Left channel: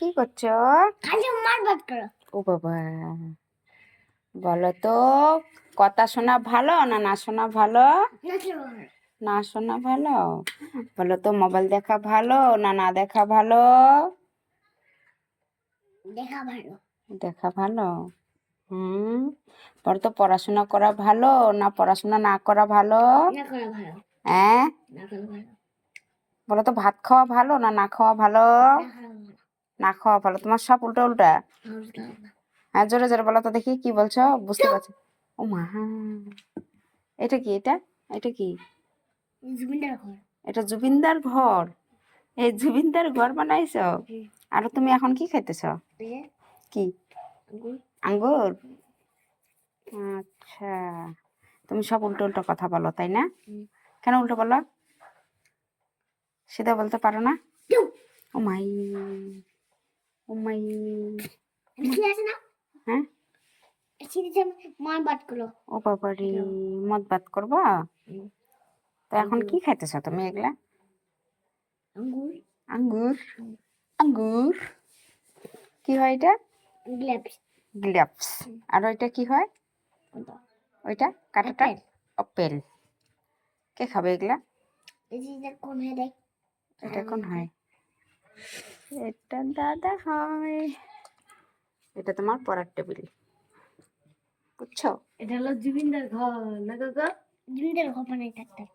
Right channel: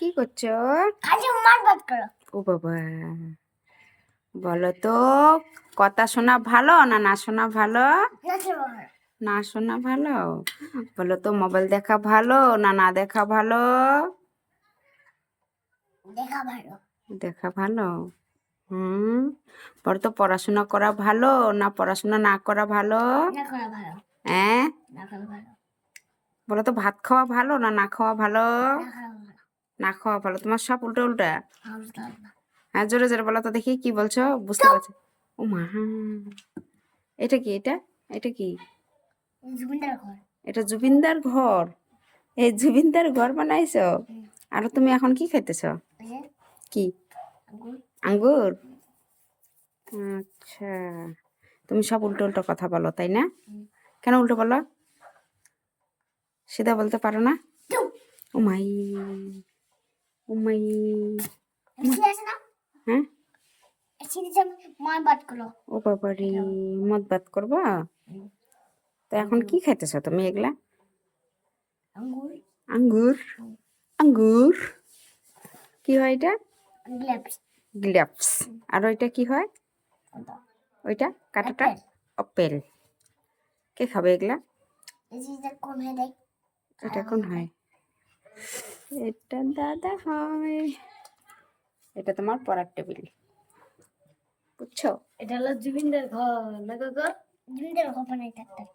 কি করছো? ও বাবা, বলো তো, কথা শোনা ভালো না না শোনা ভালো? না শোনা ভালো। বলো তো, মোবাইল দেখা ভালো না না দেখা ভালো? দেখা ভালো। বলো তো, পড়াশোনা করা ভালো না পড়াশোনা না করা ভালো? হ্যাঁ, বলো তো, ভাত খাওয়া ভালো না না খাওয়া ভালো? না খাওয়া ভালো। তোমার সব উল্টা উল্টা। হ্যাঁ, জোরে জোরে বলো তো দেখি, কি বলছো? বুঝতে পারছি। ও মা, এটা কি? এটা এটা কি? এটা জুবিনদার ঘর। এই জুবিনদার ঘর বানাইছো? আর তুমি এখন কি খাইতেছ? কি? আঙ্গুর। আচ্ছা, তুমি সব উল্টো উল্টো কথা বলো, তাই না? কেন উল্টো বলো? সিধা বলতে পারো না? ও মাই, ও মাই। হ্যাঁ, ও বাবা রে, মদ বাদ করবো? তো এখন কি খাইতেছ তুমি এগুলা? আঙ্গুর। আঙ্গুর কি হয় এটা? গ্লাপস। আর ওইটা কি হয়? ওইটা কাটাটা? আপেল। কে খাবে এগুলা? এটা কোন হয়? এটা দাদা হয়। এটা তোমার পড়ার টেবিল, বুঝছো? এটা হলো জুবিনদার ঘর না কাকা? জুবিনদার ঘর বানাই থাকতেন।